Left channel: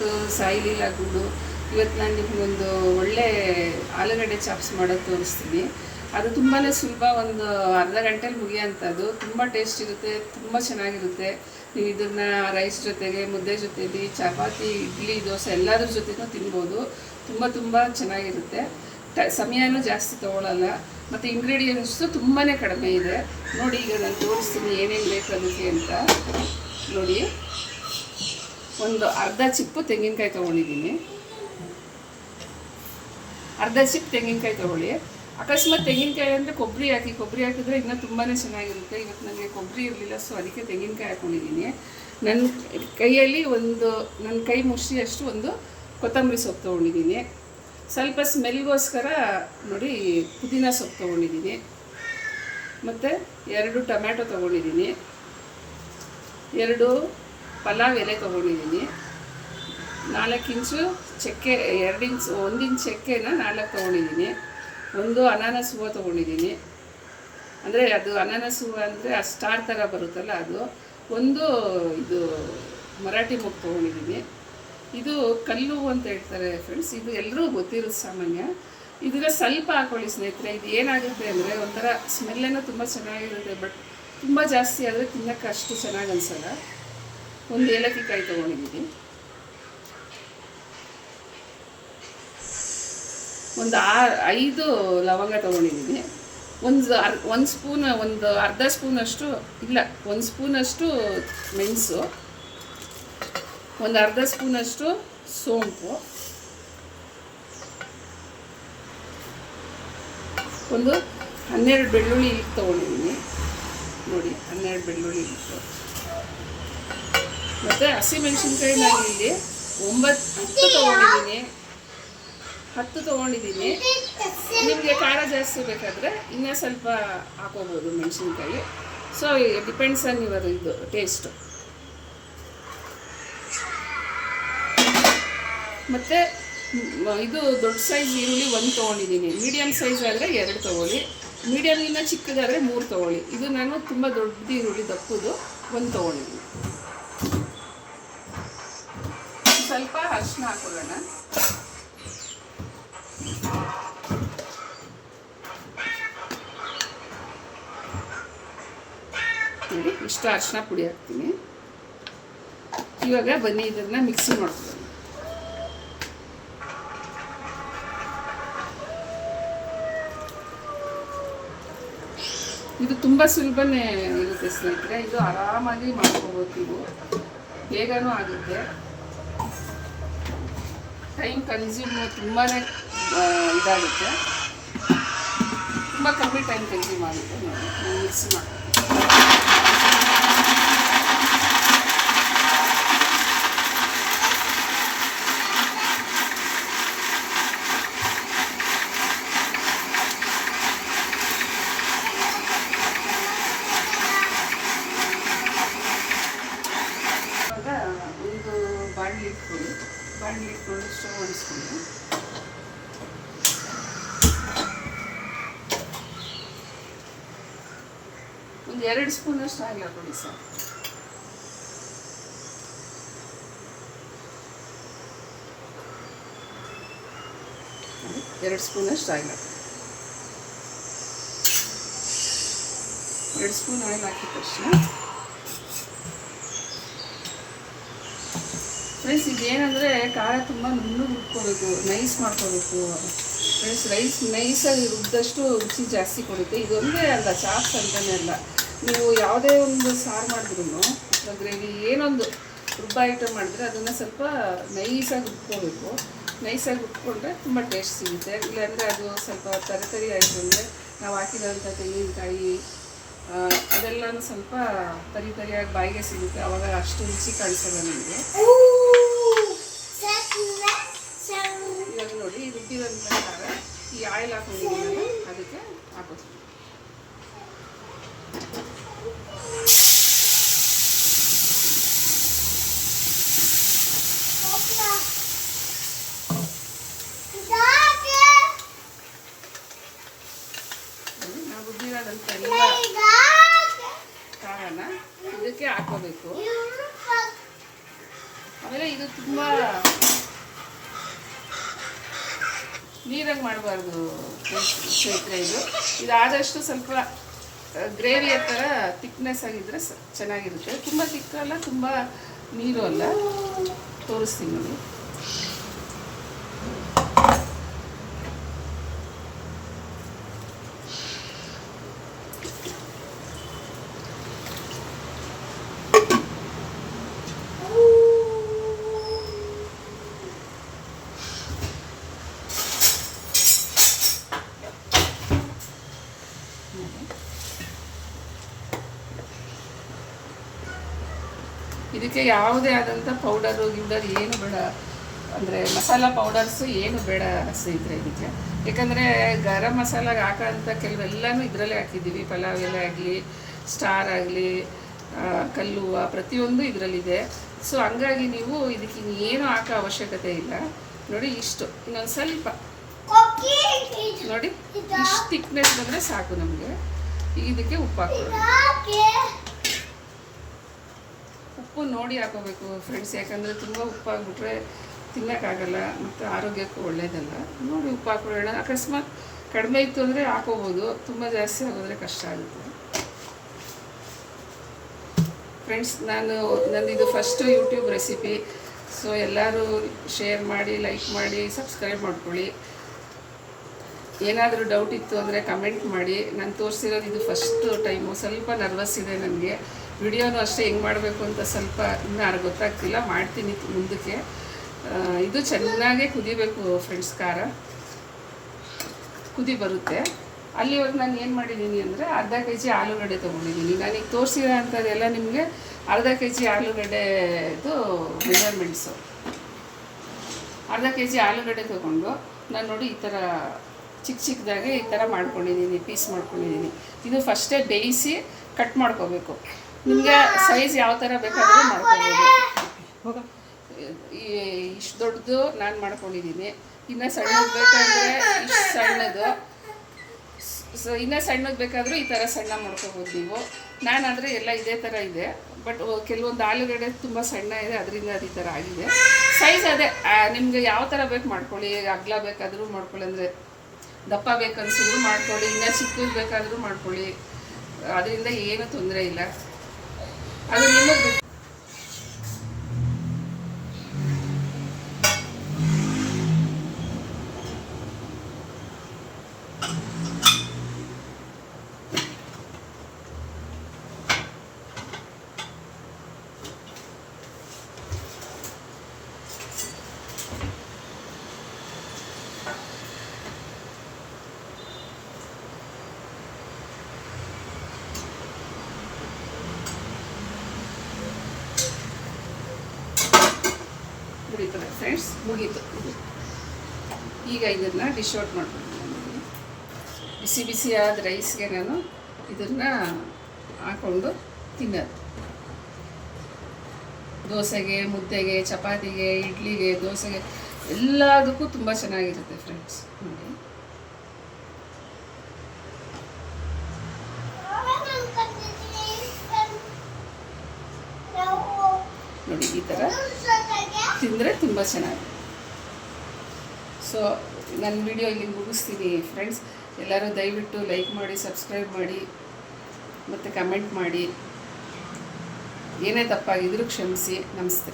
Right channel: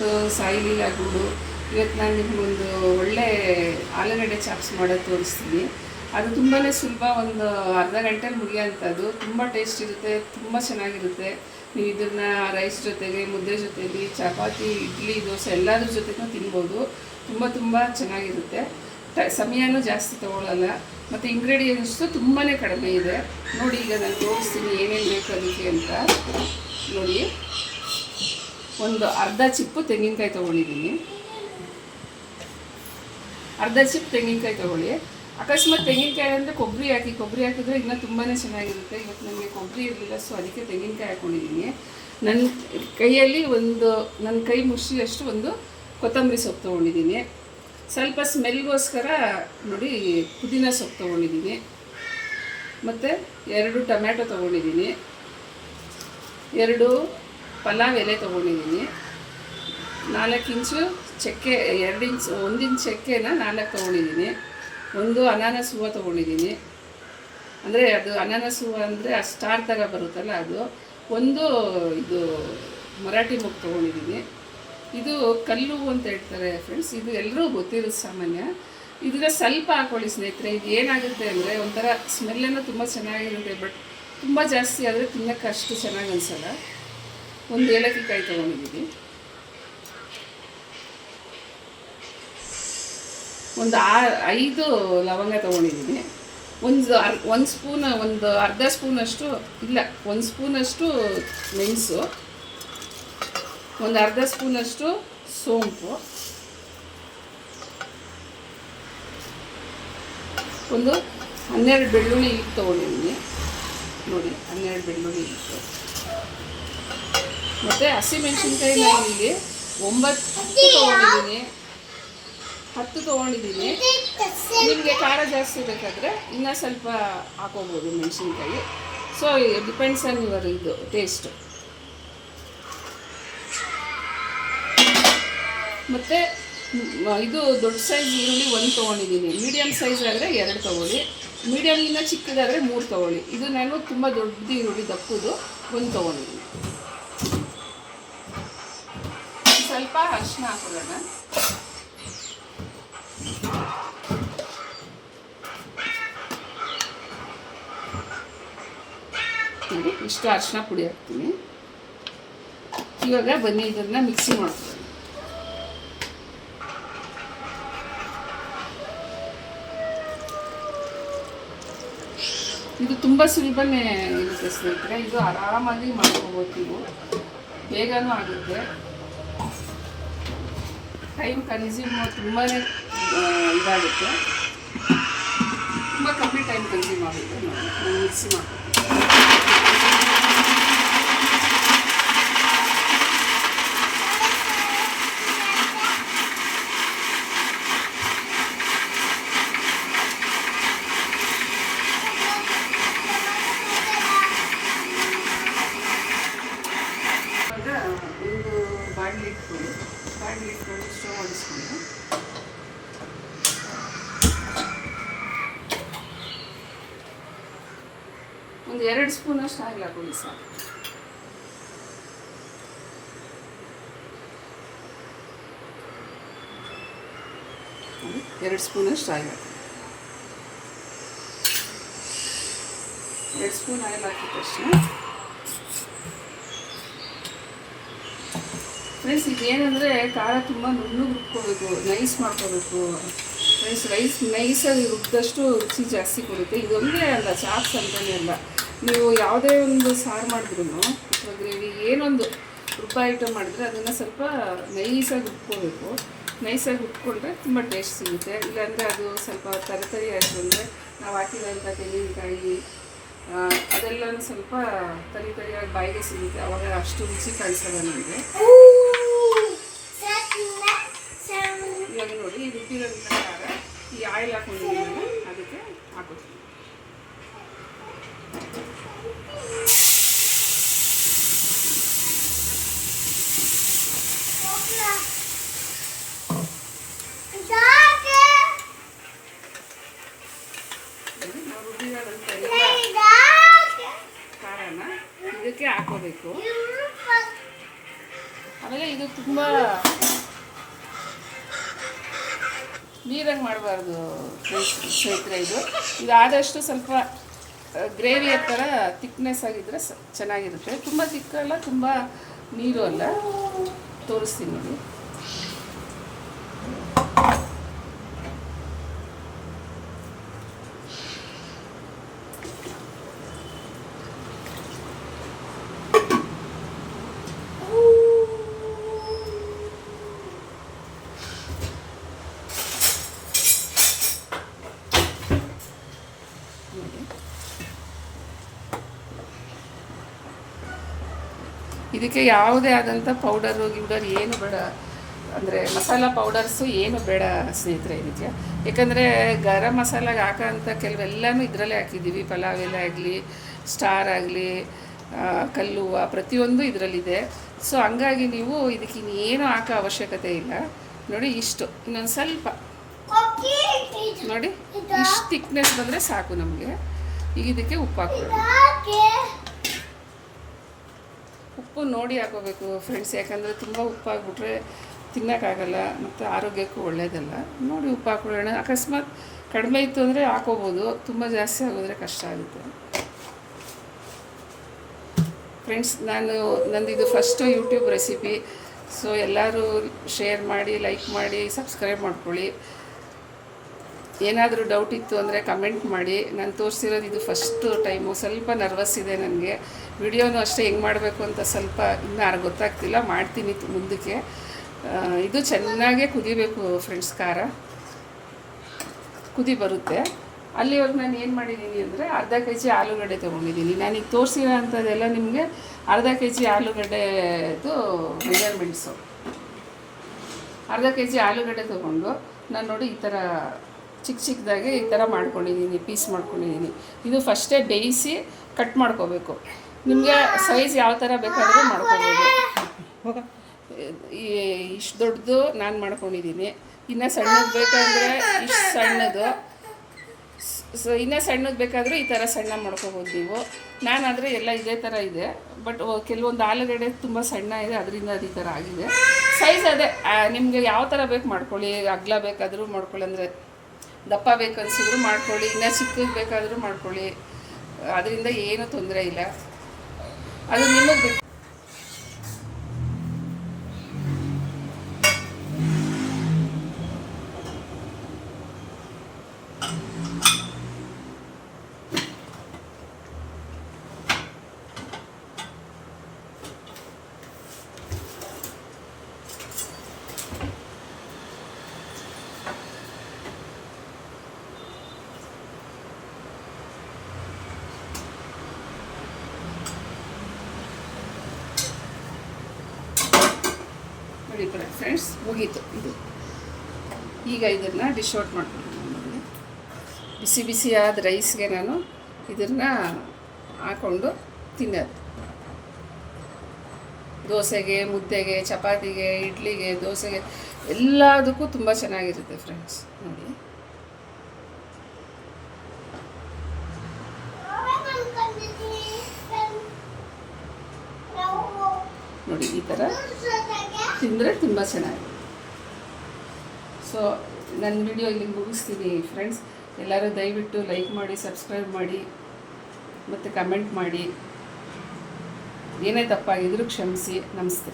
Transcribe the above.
ಕೊಟ್ಟು ಲೀಲಾ ಗೂಡು ಇವತ್ತು ನಾನು ನಿಮಗೊಂದು ಒಳ್ಳೆ ಆಲೂಗಡ್ಡೆ ಚಾಪ್ಸ್ ಮಾಡೋದು ತೋರಿಸ್ತೀನಿ. ಅದು ತುಂಬಾ ಸುಲಭ, ಒಂದು ಅರ್ಧ ಗಂಟೆಲಿ ಮುಗಿಯೋಂಥದ್ದು ತುಂಬ ಟೇಸ್ಟ್ ಇರುತ್ತೆ, ತುಂಬ ಚೆನ್ನಾಗಿರುತ್ತೆ. ನೀವು ಇದನ್ನು ರೈಸ್ ಜೊತೆಗೆ, ಮುದ್ದೆ ಜೊತೆಲಿ, ಚಪಾತಿ, ಇಡ್ಲಿ, ದೋಸೆ ಎಲ್ಲದ್ರ ಜೊತೆಗೂ ತಿನ್ಬೋದು. ತುಂಬ ತುಂಬ ಚೆನ್ನಾಗಿರುತ್ತೆ. ಟ ಸಮಯನೂ ಜಾಸ್ತಿ ತೊಗೊಳಲ್ಲ. ಮತ್ತು ಇಂಗ್ರೀಡಿಯೆಂಟ್ಸು ತುಂಬಾ ಕಡಿಮೆ ಇದೆ. ನೋಡಿ ಈಗ ನಾನು ತೋರಿಸ್ತೀನಿ ಏನೇನು ಬೇಕು ಅದಕ್ಕೆ ಅಂತ. ನೋಡಿ. ಒಂದು ಅರ್ಧ ಚಿಪ್ಪು ತೆಂಗಿನಕಾಯಿ ತೊಗೊಂಡಿದ್ದೀನಿ. ಅರ್ಧ ಚಿಪ್ ತೆಂಗಿನಕಾಯಿ ತೊಗೊಳ್ಳಿ. ಅಕಸ್ಮಾತ್ ತೆಂಗಿನಕಾಯಿ ಅಂದರೆ ಕೊಬ್ಬರಿ ಹಾಕಿ, ಕೊಬ್ಬರಿ ಹಾಕಿದ್ರೆ ಇನ್ನೂ ತುಂಬಾ ಚೆನ್ನಾಗಿರುತ್ತೆ. ಇವತ್ತು ನನಗೆ ಕೊಬ್ಬರಿ ಇರಲಿಲ್ಲ ಸೊ ಅದಕ್ಕೆ ತೆಂಗಿನಕಾಯಿ ಹಾಕ್ಕೊಂಡಿದ್ದೀನಿ ನನ್ನ ಕೈಯಲ್ಲಿ ಒಂದು ನನ್ನ ಕೈ ಮುಷ್ಟಿಯಷ್ಟು ಒಂದು ಕೊತ್ತಂಬರಿ ಸೊಪ್ಪು ತೊಗೊಂಡಿದ್ದೀನಿ. ಸ್ವಲ್ಪ ಸ್ಮೆಲ್ಗೋಸ್ಕರ ನೋಡಿ ಪುದೀನ ಸೊಪ್ಪು ತೊಗೊಂಡಿದ್ದೀನಿ. ಮತ್ತು ಎರಡು ಟೊಮ್ಯಾಟೊ ತೊಗೊಂಡಿದ್ದೀನಿ. ಎರಡು ಪಲಾವ್ ಎಲೆ ತೊಗೊಂಡಿದ್ದೀನಿ. ನಾಲ್ಕು ಇಂಚು ಚಕ್ಕೆ, ಎರಡು ಇಂಚ್, ಒಂದು ಇಂಚ್ ಚಕ್ಕೆನ ನಾಲ್ಕು ತೊಗೊಂಡಿದ್ದೀನಿ. ಒಂದು ಅನಾನಸ್ ಹೂವು ತೊಗೊಂಡಿದ್ದೀನಿ. ಅಂದರೆ ಅದು ಅನಾನಸ್ ಹೂವು ಅಂದರೆ ಆ ಸ್ಟಾರ್ ಥರ ಬರುತ್ತಲ್ಲ ಅದು. ಒಂದು ಇದು ಮರಾಠಿ ಮುಗ್ ತೊಗೊಂಡಿದ್ದೀನಿ. ಇದು ಕಲ್ಲು ಅಂತ ಹೇಳ್ತಾರೆ ಫ್ರೆಂಡ್ಸ್ ಇದು ಎಲ್ಲರೂ ಗೊತ್ತಿರೋದು ಸಾಮಾನ್ಯ. ಇದನ್ನು ಸ್ವಲ್ಪ ಹಾಕೊಳ್ಳಿ ಸ್ನೇಹಿತರೆ. ಇದು ಏನಾಗುತ್ತೆ ಅಂದರೆ ಒಂಥರ ಸ್ಮೆಲ್ಲನ್ನು ತುಂಬ ಚೆನ್ನಾಗಿರುತ್ತೆ ಬಟ್ ತುಂಬ ಜಾಸ್ತಿ ಆದರೆ ತಿನ್ನೋಕ್ಕೆ ಅಷ್ಟು ಚೆನ್ನಾಗಿ ಅನಿಸಲ್ಲ. ಒಂದು ಏಲಕ್ಕಿ ಕಾಯಿ ತೊಗೊಂಡಿದ್ದೀನಿ. ಒಂದು ಆರು ಐದು ಲವಂಗ ತೊಗೊಂಡಿದ್ದೀನಿ. ಒಂದು ಅರ್, ಒಂದು ಸ್ಪೂನ್, ಒಂದು ಅರ್ಧ ಸ್ಪೂನಷ್ಟು, ಇಲ್ಲ, ಒಂದು ಸ್ಪೂನಷ್ಟು ಮೆಣಸು, ಒಂದು ಅರ್ಧ ಸ್ಪೂನಷ್ಟು ಸೋಂಪು, ಒಂದು ಹನ್ನೆರಡು ಬೆಳ್ಳುಳ್ಳಿ ಹಿಟ್ಟು ತೊಗೊಂಡಿದ್ದೀನಿ. ನೋಡಿ, ಹನ್ನೆರಡು ಬೆಳ್ಳುಳ್ಳಿ ಇಟ್ಟು ಮತ್ತು ಹಸಿಮೆಣ್ಸಿನ್ಕಾಯಿ ನಾನು ಇಲ್ಲಿ ಒಂಬತ್ತು ತೊಗೊಂಡಿದ್ದೀನಿ. ಹತ್ತು ತೊಗೊಂಡಿದ್ದೀನಿ. ನಿಮಗೆ ಖಾರ ಜಾಸ್ತಿ ಬೇಕಾದರೆ ಇನ್ನೂ ಸ್ವಲ್ಪ ಹಾಕೋಬೋದು ಮೆಣಸಿನ್ಕಾಯಿ. ಸೊ ಡಿಪೆಂಡ್ಸ್ ಆನ್ ಯುವರ್ ಇದು ಟೇಸ್ಟು ಮತ್ತು ಇದು ದೊಡ್ಡ ಸೈಜ್ ಈರುಳ್ಳಿ ಒಂದು ತೊಗೊಂಡಿದ್ದೀನಿ. ಮೀಡಿಯಮ್ ಸೈಜ್ ಆದರೆ ಎರಡು ತೊಗೊಳ್ಳಿ. ಮೀಡಿಯಮ್ಗಿಂತ ಚಿಕ್ಕದಾದರೆ ಮೂರು ತೊಗೊಳ್ಳಿ. ಇದು ನಾನು ತುಂಬ ದೊಡ್ಡದು ಈರುಳ್ಳಿ ದಪ್ಪದು ಒಂದು ತೊಗೊಂಡಿದ್ದೀನಿ ಸ್ವಲ್ಪ ಅರಿಶಿನ ಹಾಕೊಳ್ಳೋಣ ನೋಡಿ, ಇಷ್ಟು ಅರಿಶಿನ ಪುಡಿ ಹಾಕ್ತೀನಿ. ಇವಾಗ ಬನ್ನಿ, ಇದನ್ನು ಮಿಕ್ಸಿ ಮಾಡ್ತೀನಿ ಇದು ತುಂಬ ಸುಲಭನೇ ಇರುತ್ತೆ ಸ್ನೇಹಿತರೆ. ಇದು ಆರಾಮಾಗಿ ಮಾಡ್ಕೋಬೋದು ನೀವು. ಬೇಗನೂ ಆಗುತ್ತೆ. ಟೈಮ್ ಕನ್ಸ್ಯೂಮ್ ತುಂಬಾ ಇದಾಗುತ್ತೆ. ತುಂಬ ಕಮ್ಮಿ ಟೈಮ್ ಕನ್ಸ್ಯೂಮ್ ಆಗುತ್ತೆ. ನಾವು ಮಿಕ್ಸ್ ಮಾಡ್ತೀನಿ ಎರಡು ಸ್ಪೂನಷ್ಟು ಹಾಗೆ ಹಾಕೊಳ್ಳಿ ಸರ್. ಎರಡು ಸ್ಪೂನಷ್ಟು ಆಯಿಲ್ ಹಾಕಿ ಎರಡು ಸ್ಪೂನ್ ಆಯಿಲ್ ಹಾಕಿದ ತಕ್ಷಣ ಫ್ರೆಂಡ್ಸ್, ಇದೇನೆಂದರೆ ಖಾರ ತುಂಬ ನುಣ್ಣು ರುಬ್ಕೋಬೇಕು, ನೈಸ್ ಮಾಡ್ಕೋಬೇಕು. ಫ್ರೆಂಡ್ಸ್, ರೈಸ್ ನೈಸಾಗಿ ರುಬ್ಬಿದಷ್ಟು ರುಚಿ ಜಾಸ್ತಿ ಕೊಡುತ್ತೆ. ಇದೊಂದೇ ಅಲ್ಲ, ಚಾಪ್ಸ್ ಅಂತಲೇ ಅಲ್ಲ. ನೀವು ಯಾವುದೇ ಒಂದು ಸಾರು ಮಾಡಿದ್ರು ಗ್ರೇವಿ ಏನೊಂದು ರುಬ್ಬ ಐಟಮ್ ಮಾಡಿದ್ರೆ ಅದನ್ನು ಸ್ವಲ್ಪ ನೈಸಾಗಿ ಉಟ್ಕೋಬೇಕು ನೈಸಾಗಿ ಉಟ್ಕೊಂಡ್ರೆ ತುಂಬ ಟೇಸ್ಟ್ ಸಿಗುತ್ತೆ. ಇಲ್ಲಾಂದರೆ ಅದು ಸ್ವಲ್ಪ ತರಿ ತರಿ ಆಯಿತು ಅಂದರೆ ನಾವು ಹಾಕಿದಂಥ ತೆಂಗಿನಕಾಯಿ ಅದೆಲ್ಲ ಸ್ವಲ್ಪ ತರಿ ತರಿಯಾಗಿ ಬಾಯಿಗೆ ಸಿಗುತ್ತೆ. ಅವಾಗ ಅಷ್ಟು ರುಚಿ ಕಾಣಿಸಲ್ಲ ನಮಗೆ. ಮಾಡಬೇಕು ಆಮೇಲೆ ಇದು ತುಂಬ ನೀರಾಗಿ ಮಾಡಬಾರ್ದು ಕ್ಷೇತ್ರ ಇದು. ಇದಾದಷ್ಟು ಆದಷ್ಟು ಸ್ವಲ್ಪ ಗ್ರೇವಿಯ ಥರ ತಿಕ್ನೆಸ್ ಆಗಿದ್ದರೆ ಚೆನ್ನಾಗಿರುತ್ತೆ. ತುಂಬ ತಿಕ್ಕಲ್ಲ ತುಂಬ ನೀರು ಅಲ್ಲ. ತೋರಿಸ್ತೀನಿ ನೋಡಿ. ಇದಕ್ಕೆ ಯಾವುದೇ ಆದಂಥ ಪೌಡರು ಗಿಡರ್ ಏನು ಬೇಡ. ಅಂದರೆ ಮಸಾಲ ಪೌಡರ್ಸು ಏನು ಬೇಡ ಸ್ನೇಹಿತರೆ ಇದಕ್ಕೆ. ಯಾಕಂದರೆ ಗರಂ ಮಸಾಲಾಗೆ ಹಾಕೋಂಥ ಕೆಲವೆಲ್ಲನೂ ಇದರಲ್ಲೇ ಹಾಕಿದ್ದೀವಿ. ಪಲಾವ್ ಎಲೆ ಆಗಲಿ ಸ್ಟಾರ್ ಆಗಲಿ ಕಲ್ಲುವ ಪ್ರತಿಯೊಂದು ಇದರಲ್ಲಿದೆ. ಸೊ ಹಂಗಾಗಿ ನೀವು ಇದಕ್ಕೆ ಇನ್ನೇನು ಹಾಕೋ ಅವಶ್ಯಕತೆ ಇಲ್ಲ. ನೋಡಿ ಇಷ್ಟು. ಇನ್ನೊಂದು ಸ್ವಲ್ಪ. ನೋಡಿ ಇಷ್ಟು ತಿಕ್ನೆಸ್ ಬಂದರೆ ಸಾಕು ನಮಗೆ. ಈಗ ಇದಕ್ಕೆ ಉಪ್ಪು ಹಾಕೋಣ ಉಪ್ಪು ನೋಡಿ ಹಾಕೋಬೇಕು ಫ್ರೆಂಡ್ಸ್ ಯಾಕಂದರೆ ತುಂಬ ಉಪ್ಪು ಹಾಕ್ಬಿಟ್ರೆ ತಿನ್ನೋಕ್ಕಾಗಲ್ಲ ಮತ್ತು ಆರೋಗ್ಯಕ್ಕೂ ಒಳ್ಳೆಯದಲ್ಲ ನೋಡಿ ಉಪ್ಪು ಹಾಕೊಳ್ಳೋಣ ಅಕಸ್ಮಾತ್ ಕಡಿಮೆ ಇತ್ತು ಅಂದರೆ ಹಾಕೋಬೋದು. ತುಂಬ ಜಾಸ್ತಿ ಆಗೋದ್ರೆ ಕಷ್ಟ ಆಗುತ್ತೆ. ಫ್ರೆಂಡ್ಸ್ ನಾನು ನಂದಿದು ಫಸ್ಟು ಯೂಟ್ಯೂಬ್ ರೆಸಿಪಿ ಸೊ ಎಲ್ಲರೂ ಶೇರ್ ಮಾಡಿ ಲೈಕ್ ಮಾಡಿ ಸಬ್ಸ್ಕ್ರೈಬ್ ಮಾಡ್ಕೊಳ್ಳಿ. ಏನಾದರೂ ಡೌಟ್ ಇತ್ತು ಅಂದರೆ ಕಮೆಂಟ್ ಮಾಡಿ. ನಾನು ತೋರಿಸಿರೋದು ಇದು ಫಸ್ಟ್ ಟೈಮು ಸ್ವಲ್ಪ ನರ್ವಸ್ ಇದೆ ನನಗೆ ವಿಡಿಯೋನು ಅಷ್ಟೇ ಹೆಂಗೆ ಮಾಡಬೇಕು ಅಂತ ಸ್ವಲ್ಪ ಇನ್ನೂ ಗೊತ್ತಾಗ್ತಿಲ್ಲ, ಮಾಡ್ತೀನಿ ಮುಂದಕ್ಕೆ. ಇದು ಚೆನ್ನಾಗೆ ಕುದಿಬೇಕು ಫ್ರೆಂಡ್ಸ್ ಖಾರ. ಕುದಿ ಬರುತ್ತೆ. ಅಲ್ಲಿವರೆಗೆ ನಾನು ಏನು ಮಾಡಿದ್ದೀನಿ ಅಂದರೆ ಅರ್ಧ ಕೆ ಜಿ ಆಲೂಗಡ್ಡೆ ತೊಗೊಂಡಿದ್ದೀನಿ. ನಾನೀಗ ತೋರಿಸಿರೋ ಅಂಥದ್ದೆಲ್ಲ ನಿಮಗೆ ಅರ್ಧ ಕೆ ಜಿ ಆಲೂಗಡ್ಡೆದು ಮೆಜರ್ಮೆಂಟ್ಸು ಅರ್ಧ ಕೆ ಜಿ ಆಲೂಗಡ್ಡೆ ತೊಗೊಂಡು ನಾನು ನೋಡಿ ಈ ಥರ ಚಿಕ್ಕ ಚಿಕ್ಕದಾಗಿ ಈ ಥರ ಮಾಡ್ಕೊಂಡಿದ್ದೀನಿ, ಪೀಸ್ ಮಾಡ್ಕೊಂಡಿದ್ದೀನಿ. ಇದು ಫಸ್ಟೇ ಬೇಯಿಸಿ ಕಟ್ ಮಾಡ್ಕೋಬೇಕು. ನಿಮಗೆ ಸೈಜ್ ಯಾವ ಥರ ಬೇಕಾದರೂ ಮಾಡ್ಕೊಬೋದು. ಇಷ್ಟು ದೊಡ್ಡದು ನಾನು ಮಾಡ್ಕೊಂಡಿದ್ದೀನಿ ಇನ್ನು ಸಣ್ಣದು ಬೇಕಂದರೆ ಇಷ್ಟು ಸಣ್ಣದು. ಸೊ ಇನ್ನೂ ಸಣ್ಣದು ಬೇಕಾದರೂ ಈ ಥರ ಸಣ್ಣ ಮಾಡ್ಕೋಬೋದು ನೀವು. ನಾನಾದರೆ ಎಲ್ಲ ಇದೇ ಥರ ಇದೆ. ಬಟ್ ಕೆಲವೊಂದು ಆಲೂಗಡೆ ತುಂಬ ಸಣ್ಣ ಇದೆ, ಅದರಿಂದ ಅದು ಈ ಥರ ಆಗಿದೆ. ಸೈಜ್ ಅದೇ. ನಿಮಗೆ ಯಾವ ಥರ ಬೇಕು ಮಾಡ್ಕೊಳ್ಳಿ. ಅಗ್ಲ ಬೇಕಾದರೂ ಮಾಡ್ಕೊಳ್ಳಿ ಅಂದರೆ ದಪ್ಪ ಬೇಕನ್ಸಿದ್ರು ಮಾಡ್ಕೊಳ್ಳಿ. ಇನ್ನೂ ಚಿಕ್ಕದು ಬೇಕಾದರೂ ಮಾಡ್ಕೊಳ್ಳಿ. ಅದರಿಂದ ಏನೂ ತೊಂದರೆ ಇಲ್ಲ. ಅದು ನಿಮಗೆ ಫ್ರೆಂಡ್ಸ್ ಮುಗೀತು ಇದು. ಈಗ ಇದನ್ನು ಡಿಶ್ ಔಟ್ ನಾನು. ಬಿಸಿ ಬಿಸಿಯಾದ ರೈಸ್ಗೆ ನಾನು ಇದನ್ನು ಹಾಕ್ಕೊಂಡು ತಿನ್ನೋದು. ದೋಸೆಗೆ, ಮುದ್ದೆಗೆ, ಚಪಾತಿಗೆ, ಇಡ್ಲಿಗೆ, ದೋಸೆಗೆ ಎಲ್ಲದಕ್ಕೂ ತುಂಬ ಚೆನ್ನಾಗಿರುತ್ತೆ ಫ್ರೆಂಡ್ಸ್ ನೋಡಿ ನೋಡಿ ಈ ಥರ ತಿಂದರೆ ತುಂಬ ಚೆನ್ನಾಗಿದೆ. ಸೊ ನನ್ನ ವಿಡಿಯೋ ಇಲ್ಲಿ ಮುಗಿಸ್ತೀನಿ ಫ್ರೆಂಡ್ಸ್ ಎಲ್ಲರೂ ದಯವಿಟ್ಟು ಲೈಕ್ ಮಾಡಿ ಸಬ್ಸ್ಕ್ರೈಬ್ ಮಾಡಿ, ಮತ್ತು ಕಮೆಂಟ್ ಮಾಡಿ. ಏನೇ ತಪ್ಪಾಗಿದ್ದರೂ ಕ್ಷಮಿಸಿ. ನಮಸ್ತೆ.